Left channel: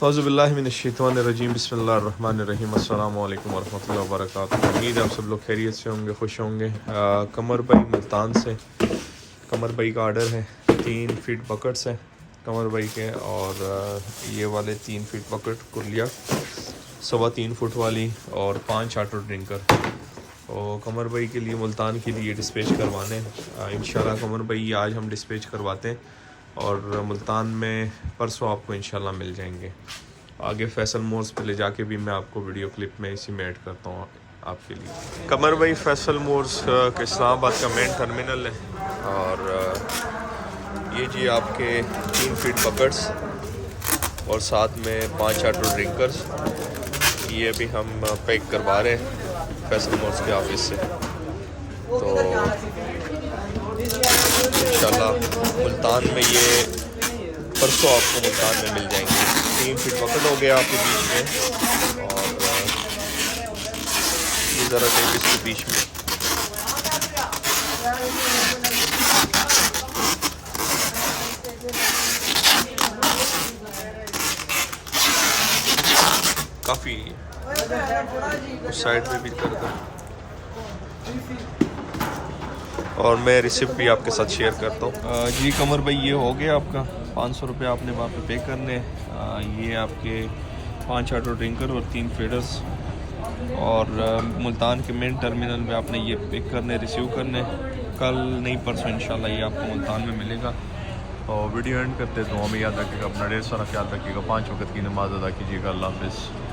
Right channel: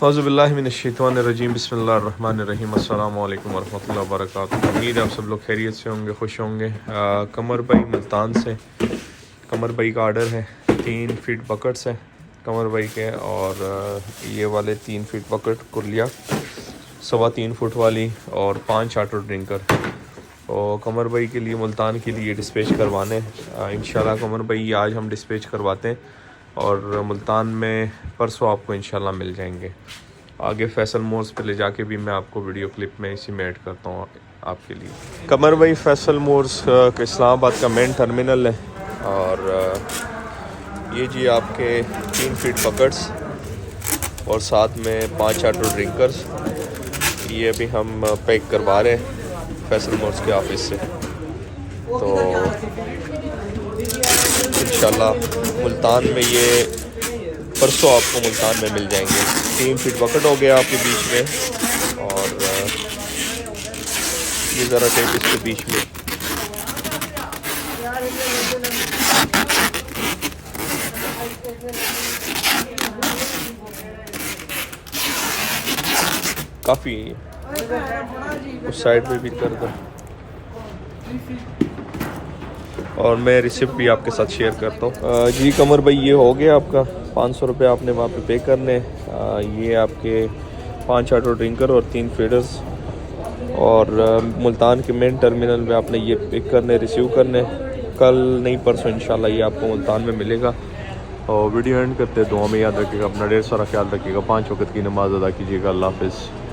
औज़ुबिल्लाहिमिनश्शैतानिर्रजीम बिस्मिल्लाहिर्रहमानिर्रहीम अस्सलामु अलैकुम वरहमतुल्लाहि वबरकातुहू। उम्मीद है आप सब लोग खैरियत से होंगे, खुश होंगे। कमर भाई मुल्तान से कमर भाई का आर्डर है। 3 फीट बकेट्स हैं कमर भाई के, और ये वाले 3 फीट बकेट कुलिया 3.25 फुट वाली और 5 ऑटो ड्रिंकर। और कमर भाई के लिए मुल्तान के लिए डिस्पैच करवाने इंशाल्लाह कमर भाई आज हम डिस्पैच करवाते हैं, और मुल्तान में परसों आपको इंशाल्लाह मिल जाएंगे। आगे फैसल मोर्स पे ले जाके भी मैं आपको वीडियो क्लिप में इसी में ऐड करता हूँ आपके लिए। कमर भाई फैसल मोर्स का इस्लामाबाद का मेन टर्मिनल है, और ये जी आपके 3 फीट बकेट्स और साथ में 5 ऑटो ड्रिंकर्स, ये भी हम पैक करवा रहे हैं फैसल मोर्स के ऑफिस से। तो इंशाल्लाह मुल्तान में ये परसों आपको मुल्तान में मिल जाएंगे। 3 फीट बकेट हो गया आपके बीच में, और ये ज़रा टेप इसके बीच में। काफ़ी उस साइड में भी कर दो, और मैं रिसिप्ट भी आपके साथ शेयर करता हूँ। जी कमर भाई ये हो गया आपका 500 रुपये आपने वहाँ पे करने। ये आपके 5 ऑटो ड्रिंकर और 3 फीडर्स, और मुल्तान के मेन टर्मिनल में आपने ये पिक करने, रिसीव करने। कल नहीं परसों इंशाल्लाह ये आपको मुल्तान में मिलेगा। और वीडियो एंड करते हैं, तो हमें याद रखिएगा, अपना ढेर सारा ख्याल रखिएगा, 5 वक्त की नमाज़ अदा कीजिएगा। अल्लाह हाफ़िज़।